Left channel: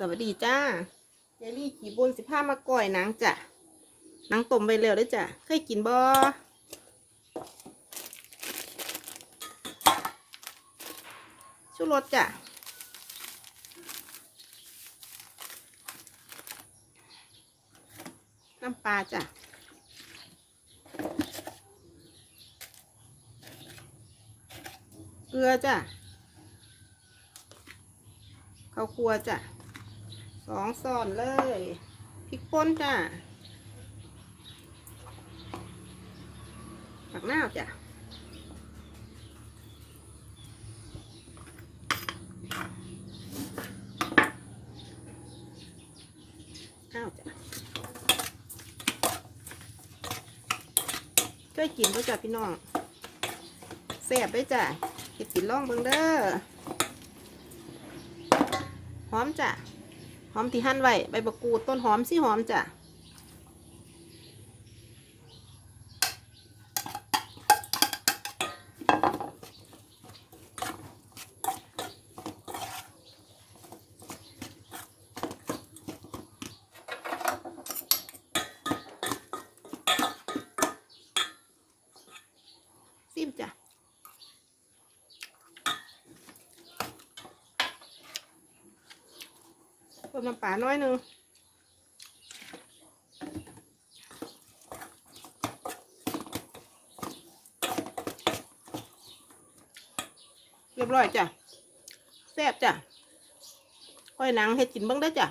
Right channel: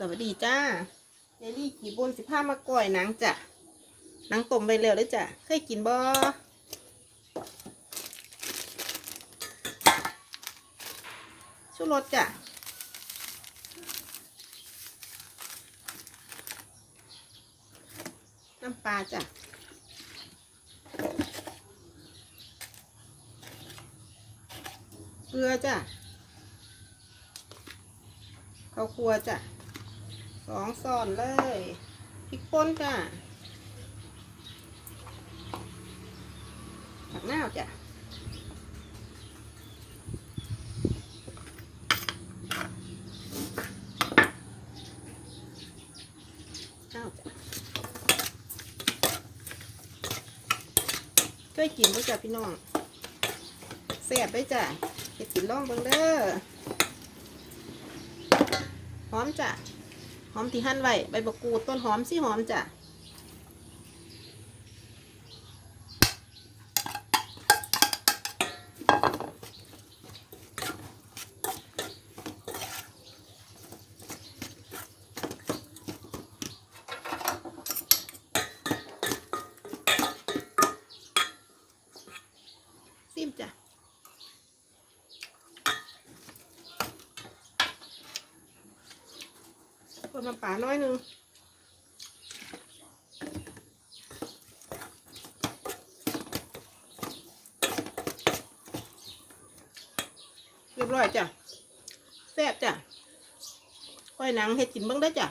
สวัสดีจ้ายายลี่ขี่บุญสิผ้ามาก่อยนังจ้ะนังต้มไปเร็วเลยจ้ะเคยกินบ่ชูรสจ้ะน้ำปลาจ้ะเกลือจ้ะข้าวคั่วจ้ะ สองซ่อนเลยพริกป่นจ้ะผักหน้าจ้ะข้าจ้ะช่วยกินด้วยจ้ะพี่น้องแซ่บด้วยจ้ะเก็บกินล่องเบิ่งเด้อหอมจ้ะ หอมที่หั่นไว้ใบบักกูดต้นหอมสิหอมจ้ะ ซิมจ้ะ เพิ่มน้ำปลาน้อยหนึ่งเรียบร้อยจ้ะแซ่บจ้ะก้อยหนังเห็ดกินบ้างได้จ้ะ